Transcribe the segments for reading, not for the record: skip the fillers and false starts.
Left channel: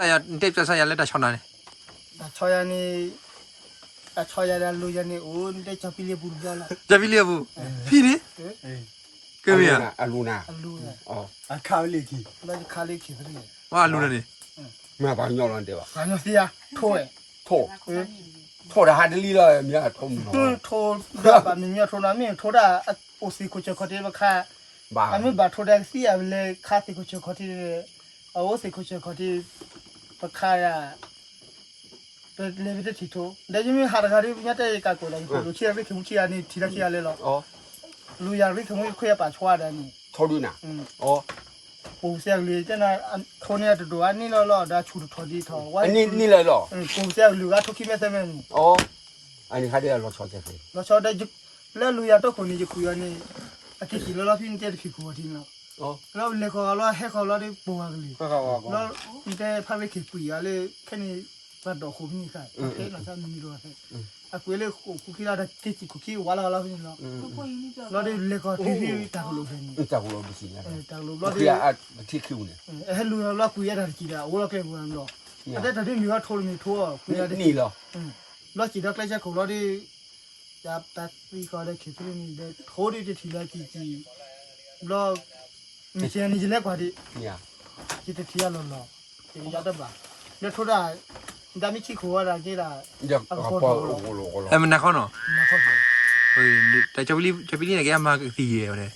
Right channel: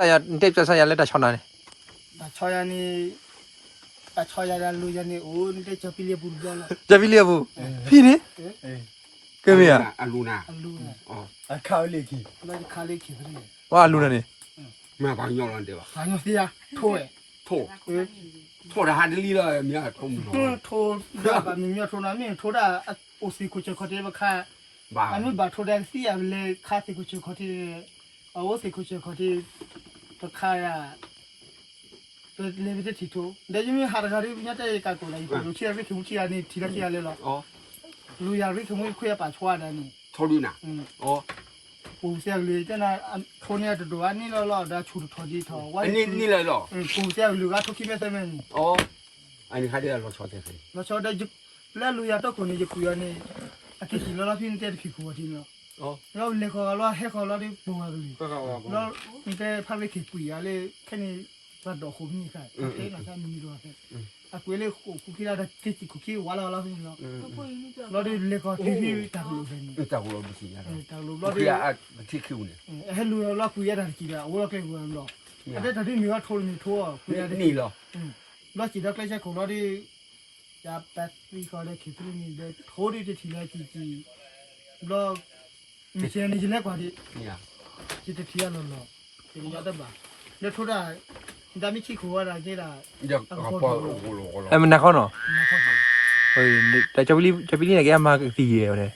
แต่ยาเด็กจะใส่ยาเล็ดแต่ชอนนั่นแต่ชอยนี่แต่ชอยาลูยานี่โอ้ได้จะพิเลียบุญแล้วล่ะจะพี่เลี้ยบุพี่นี่ก็มีอ่ะอาลูนาอาลูเนี่ยอ๋อข้าวเล็กขี้เราจะข้าวเล็กขี้เขาเนี่ยว่าลูนั่นนี่มาบ้านยอลันเดียวบ้านยอเสียโถ่โถโถแต่ฮันลี่เลยมีอะไรทุ่มโถ่ด่าบ้านมีโถ่นั้นมีโถ่ด่าโอซีคุชเขาที่ว่าข้าอันนี้บ้านโถ่แดงเสียไปเลยข้าซีคุชเขาที่โอซีคุชเขาที่ว่าข้าเลยไม่ได้ที่โถ่แต่ยังมีหาราคาที่ไม่ได้การโกงอะไรกูเชื่อไม่ถึงเชื่อนี่ทีละเชื่อเลยหรอลูยาริทงคุยป่าชัวได้นี่โถดูนะอ๋อปูเสียเลยจ้านะโทเนี่ยตัวอันนี้ล่อได้ชุดทอดีทอว่านี่เลยหรอปูเสียลูกก็ทุกขี้แม่เต็มเลยอ๋ออันนี้ใครได้เราชอบเจ๊เราชอบได้จุแล้วลูยาตัวคนนี้จะคุยอันนี้อากิสิเราพี่นี่จะขี้คุยทีเนาะแล้วเล็กเขาเราให้เขาเราได้ปูอะไรแล้วนี่แต่พาไปขี้คุยอะไรแค่นี้ก็ดอกคุ้มนี่ค่ะโอเคนะจ๊ะมีด้วยอะคุยเลยคุกกี้เราได้กินคุกกี้ว่าเราพี่เนาะเราได้เล็กเขาที่ตากลูกเป็นตากลูกไม่ใช่ตากลูกเราได้ที่คิวเนี่ยลูเราคุยได้กี่เดือนโอ้เราแค่คุยเราแต่ถ้าที่มีว่าโทรมีทั่วคุยได้นี่เหรอเราจีดักเลยจะของเราได้จับตัดวิเคราะห์ได้คิดถึงนี่ได้โทรได้ทีละกี่เรามีเสียงนี่จะเล็กกว่าดิคิดถึงที่เราเนาะเป็นยอดบ้าแล้วโทรได้ดามิชิคุอะไรกี่ละมันนักเขาเนาะเฮ้ยแต่จะไปนี่ไหนแกมาตีเดียวเลย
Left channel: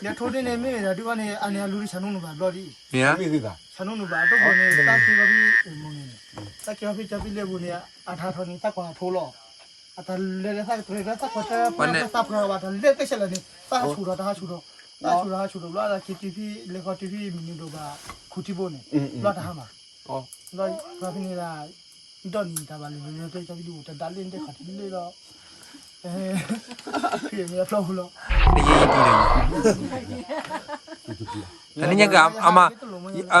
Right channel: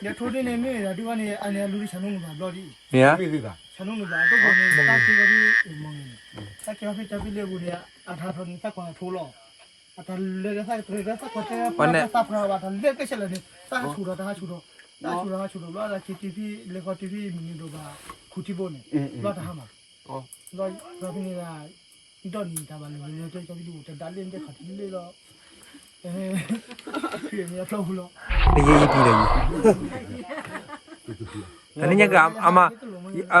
เนี่ยโทรได้เนี่ยไม่ได้ดูว่าเนี่ยอันนี้ลูกฉันนุ่งแบบรอดีเนี่ยฉันนุ่งแบบตัวคนเนี่ยตาคีก็ดีมองเนี่ยตาคีเขาจะไปเลี้ยบุเนี่ยอันท่าทนสักคนโทรล้ออันท่าเลี้ยสักตัวสักคนจะไปสับเขาว่าท่าเลี้ยก็เฉลี่ยเนี่ยสักชูเราแล้วคิดที่เลี้ยก็ที่มีนิดบ้าคุชิโบเนี่ยแล้วท่ามาเราพี่นี่ละดอนนี่ท่าบ้านเลยเราจะไปดูแต่ดันเล่นได้ขัดที่เลยละพี่มีอะไรพล่นี่ยี่ปีเลยอันนี้ยังกับ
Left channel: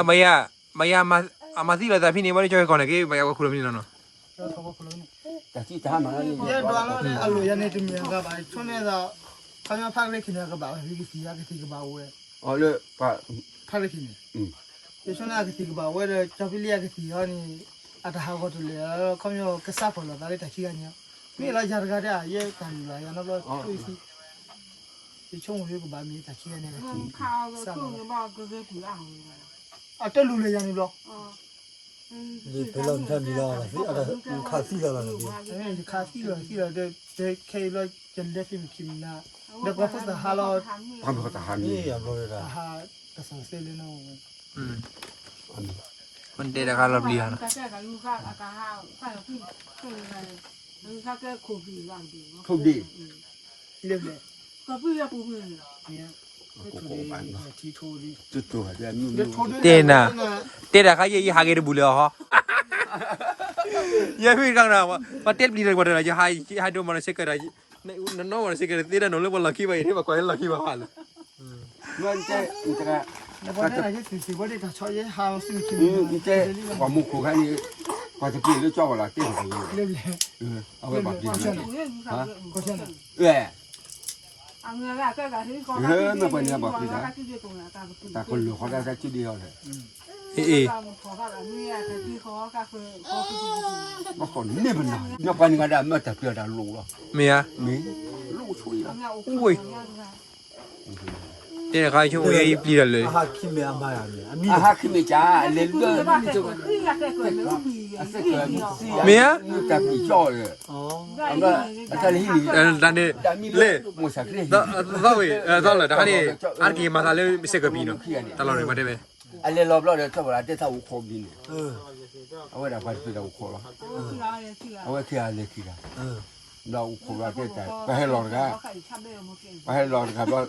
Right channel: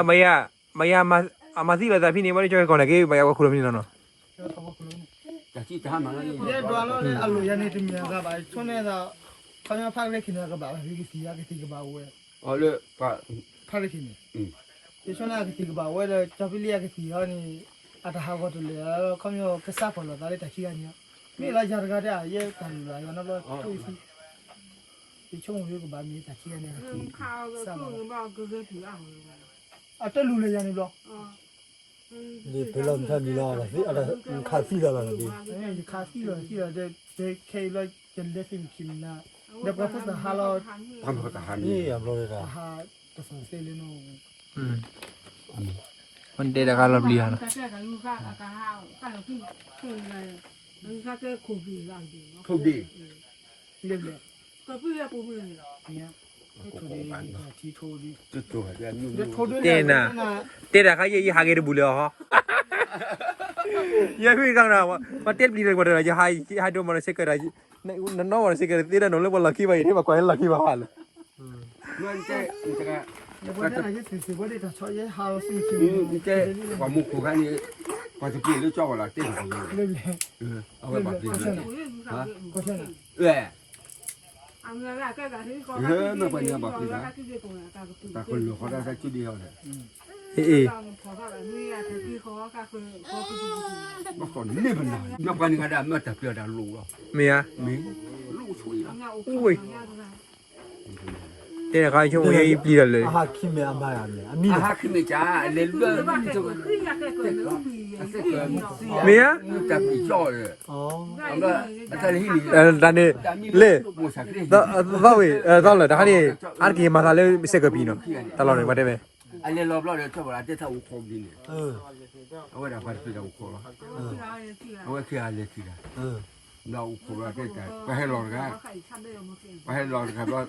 มายามาสิเลยแต่พี่นี่ไม่ได้ช่วยก่อนเลยกี่มายาก็คุยไม่ได้เนาะแต่ที่ทำอะไรยันดูแล้วเนี่ยอารมณ์ยันนี่ที่มีอะไรบ้างช่วงนี้เราเขาจะพักเล็กขึ้นอะไรบ้างพี่ที่อยากที่บ้างเว้ยอ๋อเลยพักเล็กขึ้นช่วงนี้ที่บ้างเว้ยเลยจะไปเลี้ยงที่เขานี่อาจจะหาคนตัวเลี้ยงเขาจะกระซับคนละแต่ที่ขี้กันเนี่ยนี่เราจะการได้ยังทำอะไรยันเราช่วยสิที่ช่วงนี้ก็บ้านมีแต่ขี้กันเนี่ยซับอ่ะจะรู้เลยยันนี่บล็อกนี่เป็นลมท่านนี่ล่ะสิอะไรขาดซี่แล้วล่ะดิขาดซี่แล้วเด็กเคยเลยจะเล่นฟิล์มคิมนะเด็กว่าพูดแต่ฮาร์ลทำเขาจะหานี่อย่างเราเลยนะฮาร์กระสังเซเลโน่มันเด็ดอะการรับเลี้ยนะทุกดีเรียบเลยก็พี่จะปูมือเนี่ยที่โทรดิจุดตัวเดี๋ยวมีเต้นนะเขาเยี่ยหาเกิดบุญเลยฮะเยี่ยพี่กังนะว่าเต้นดีเลยกว่าเดิมจะให้ดูมันเช็คกันได้นั่นน้องมันเช็คกันเต้นนั่นเลยว่าลัคกี้ไปที่มาก่อนลัคกี้มาหันเงินเจ๊จะกันแล้ววันนั้นที่สิว่าได้จะช่วยหาสิ่งที่เจ๊ความมุขของเขานี่พอจะกินหรือจ่อละเต้นอย่างนี้เรียบเลยเอาไปแบบนี้ฮะก็ใช่น่ะไม่ควรจะบอกพี่นะแต่คนหลวงเขาได้แค่จุดเดียวเลยมาก่อนนี่เป็นอะไรมาก่อนก็ได้มาแต่เพื่อได้ลูกเมียลูกช่วยอุ้ยเต้เขาช่วยยี่ปีเลยอาคิเมียมาอย่างนี้อาหารคิเมียจ้าเลี้ยงด้วยเมียแต่ปีจ่อเลยดันนี่เล่ต้องเลยแต่ครั้นี้อันกี่มาทำเรื่องเสกปีเนาะตลอดเลยมาได้ไหมอันนี้รอบๆเดี๋ยวชอบอะไรที่ถ้าอุโคบินเอาไว้ดับไฟไปดับอุโคละเอาไว้ขี้อะไรขี้ละเราอุโคละเจ๊ใจไปให้รอครับไปให้รอครับว่า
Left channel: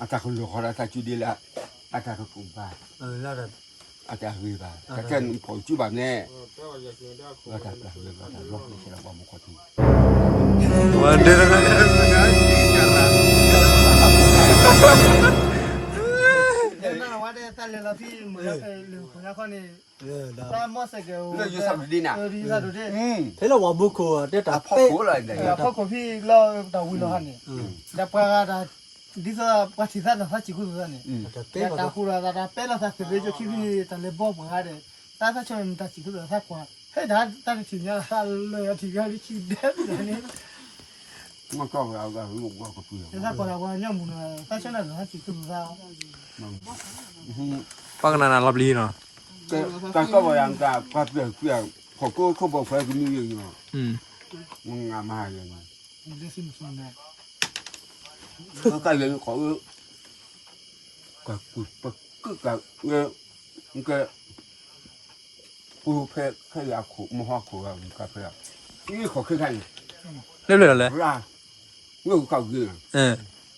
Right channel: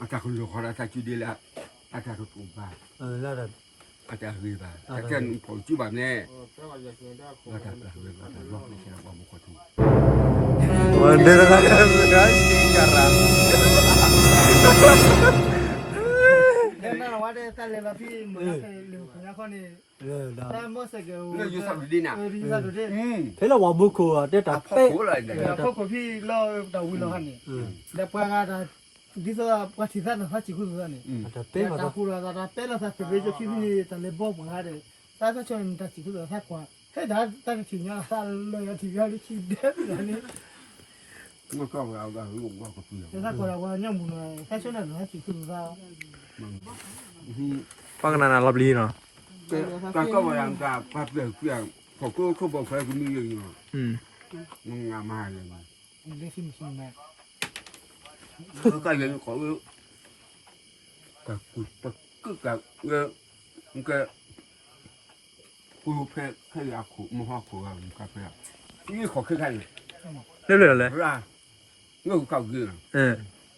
อาจารย์คนหลวงเขาอาจารย์จุดีละอาจารย์ถูกบ้านแล้วอาจารย์เฮบ้านแต่แค่ผมจุแบบนี้อาจารย์เฮบ้านรอบนี้เราบอกมุขทุวันเดียวกันนะkarenaนั่นว่าได้แต่เรื่องที่เหมือนกับเรื่องของนักข่าวนี่แต่มอสเกลอยู่สับดีน่ะอยู่สับดีเฮ้ยเราว่าบุกอ่ะเด็ดอ่ะเป๊ะเพราะคนพี่เราดาวินเราหันนี่แต่พอเราดิสว่าที่ท่านเขาจิคุยกันนี่แต่ตาคูราตาเป๊ะเราสักเบจคิดนี่แต่เลยบอกมาได้但是像他几个人他管，嘿，他是挺呀，他累了挺呀，你去的人呢， 我搞不了个路我不知道 他管了管要么呢，他现在人他几个人啊， ปังนานาลอบลีเนาะ แต่ก็ว่ายังจะพัดเปลี่ยนเขาก็เขาบอกไฟก็มีเยอะอยู่ อืม มึงงามมาเลยนะ 你这是不是呢？ เขาใกล้เลยเขากับกูก็กับเงี้ยมึงก็กูแพ้ยาขู่มหัวขู่อ่ะมึงก็แพ้นี่เขาคือใคร เรียบร้อยแล้ว ร่าเงี้ยกูเข้าเกลือ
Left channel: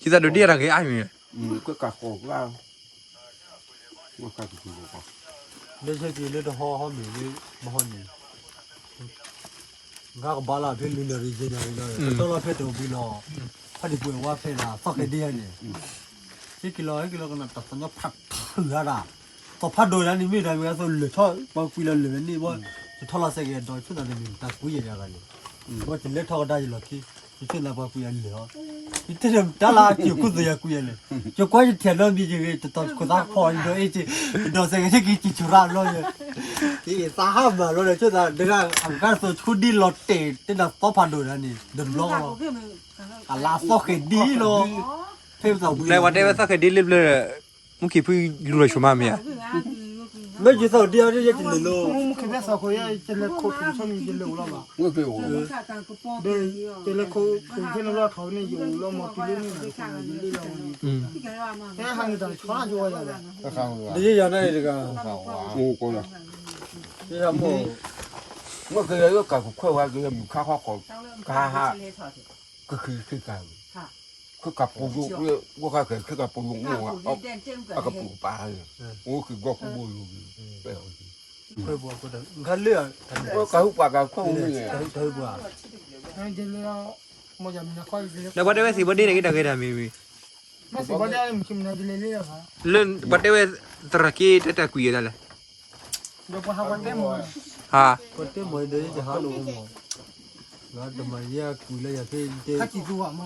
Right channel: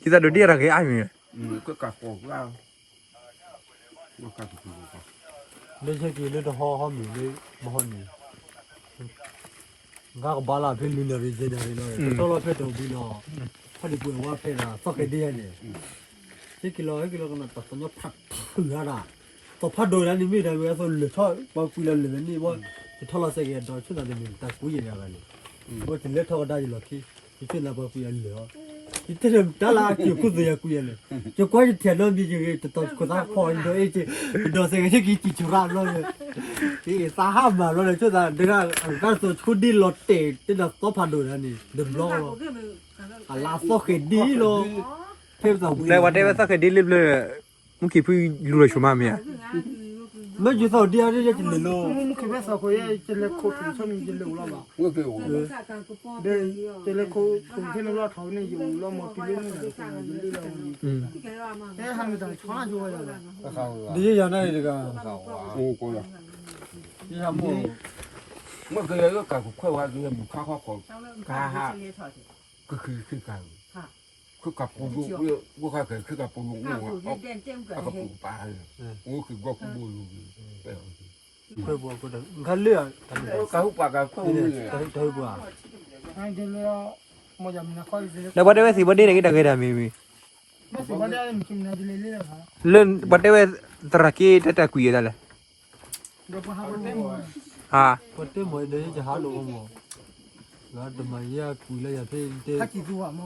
คิดว่าดูดีอะไรก็ไอ้มี ก็กับโกร่าเงี้ยก็คือกู ไม่ใช่กินเลยห่อมีเลยมหันนี่ก็บาลาเพลินเลยเจได้เลยตลอดเพลินตัวบิลล์พอดีป่วยว่าเพลินอะสักเดียวเนี่ยที่กิโลกันนะแต่ตอนนี้พัดถืออะไรต่อพัดโดยนั้นนี่ไม่ได้เวลาส่วนเหลือชอบบางปีเราเหลือนี่ว่าจะทอดละเสียดอยช่วยอะไรนี่แต่กูยังอะไรนี่ว่าจะเล็กทอดได้อยู่หรอกที่ช่วยอะไรบางปีเหลือที่เดิมดาราเกี่ยวกับตัวกูยังเลยจะกว่าจะเทียนเรามีอย่างงี้จะต้องกูต้องคอยดูไอ้จีดอเสียที่กินจุราเลยที่สาหัสมาเลยช่วยอะไรเดี๋ยวอันการส่วนชุดดีลอตเต้ที่เราต้องพัดโดยนั้นนี่เดิมล้ออะลาสอกดีโลเพิ่มสาว แล้ววันเดียวสักแค่ดีลิบเลยมึงคิดพี่รู้เลยชัวร์มั้ยเนี่ย ไม่อยู่สาวเดียวที่จะกินเลยโล 我们这边烧烤也这里烤虫上面就留了嘛， เงี้ยคือ 对，这里烤虫上面老头呢有了嘛，比例呢，就累了嘛， อืม 哎，还没到床上就我要的， ဒီရနေတက งูกูเลย ဒီရမို့ เมื่อกี้ก็กับข้าวว่าคือมึงข้าวของข้าฮะก็คือกันคือกับปูลูกกูข้าเคยคือกับปูลูกงูอ่ะเอากับปูปลาเลยโอ้คือก็กูบูอยู่ไปเอา เพิ่มบ่ก็ได้งาเลือด ก็กับปลากับข้าวมึงไง เพิ่มบ่ 哎，这里了，我家没烤这里， แล้ววันเดียวสิวันเดียวนี่ก็ได้มี 那是我家没去那这里了哈， เรื่องวันเดียวตระกี้แต่คุยได้เลย 就不还我带么， ฮะ ก็เต็มบ่ได้จะหาโลบ่งาดมาเยอะคุยเลยอย่าเพิ่งเต 他记住我嘛，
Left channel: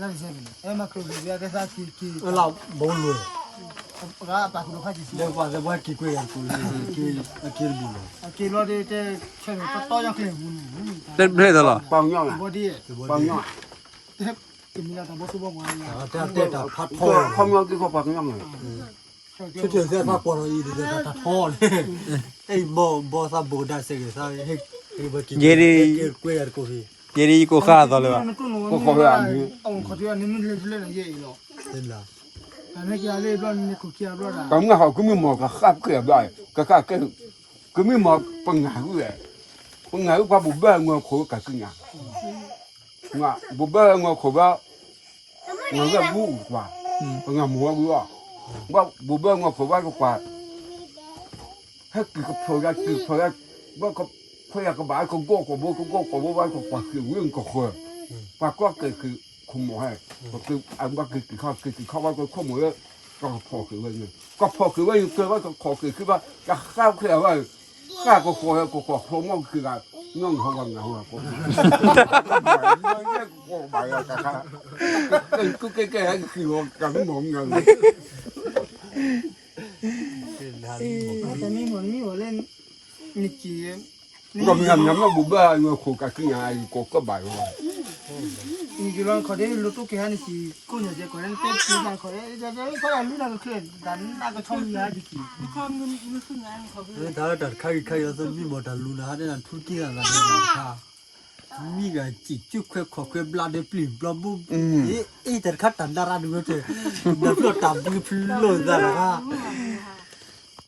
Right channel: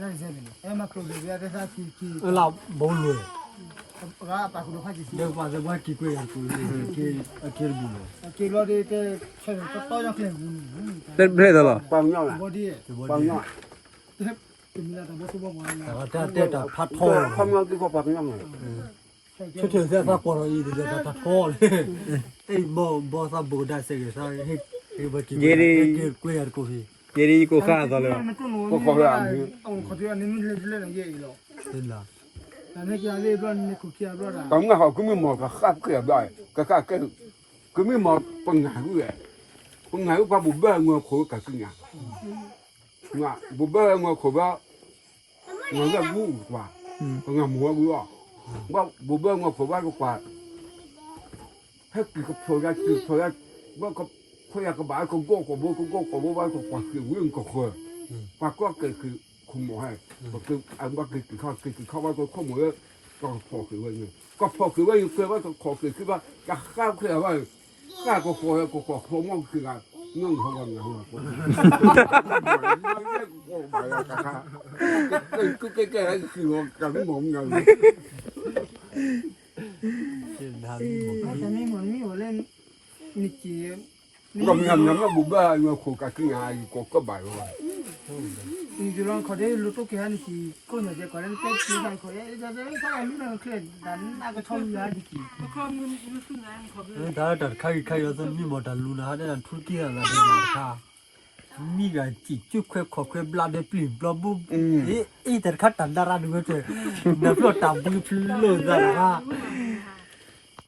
那是啥子？哎嘛，烤这边在啥去， เราบ่เลย 我把葫芦他记住 เดี๋ยวกว่าจะว่ากี่กวยกันคุยกี่บ่เลย 给了的这吃的不到样很无语， เล่นเล่นตลอด ปังย่องอ่ะ 我的， ปังย่อง 这怎么样？他不说我玩了， แต่เตะตาพัด พ่ พ่ อ อ พ่อย่องคือเขาปังย่องเลย ชุดเถื่อนเสื้อผ้าปอดอีเดี๋ยวตาพ่อเลยไอ้บ่ซาบ่ได้เสียซะเฮ้บ่กี่กวยกันกูที่ เยดีกูฆ่าตลอด 那个农民吧，我靠，这你们这来也有了， เห็นล่ะ 那家里边那口气不啦？ ก็มึงเขาก็ไม่หมอกับข้าเกลือได้ก็ข้าเกลือก็ไม่หมอปังหาเลยปังหาว่าบุบเบ้งอโคกับสิ่งอ่ะว่าบุบเบ้งอโคว่าเงาบูกว่าเงาหมูว่าว่าบุบเบ้งอโคว่าก็กว่าถ้าคือเขาพอได้คือพอได้ว่าเขาพออยากกระบาดเขาโก้กับโบเขาโก้กับโบว่าเขากว่าคือเรื่องก็คือว่าก็เกิดคือคุมหมอให้คืออันว่าคือเขาว่าก็ข้อมูลก็พอคือว่าอย่างก็พอคือว่าคือว่าก็พอคือว่าจะข้าวคือว่าข้าก็พอก็พอพอมองคือการนั่งเขาว่าเงาอ่ะก็ก็แก่ๆคือว่าการมองเงา 我这你我嘞，你姐， ก็มีอันนั้นว่าบุบเบ้เงาโคกับสิ่งอะไรก็บ่ายว่า 你就让เขาได้รู้ตัวแค่นี้สิคนอยากจะก่อนนั้นเป็นที่นั่นเขาจะเขาเอาลูกนั่นก็เคลื่อนดันนั่นก็ช่องยาดิสิ ถ้าตัดค่ายๆแล้วมีหมดตาลูนาเนี่ยทุกที่ละเนี่ยค่ะมีกันจิจุกขอๆบลาเดปลิบลาบุอีแต่คัดตันดาราดูเจบ่พลอตามบ่พลอซะละ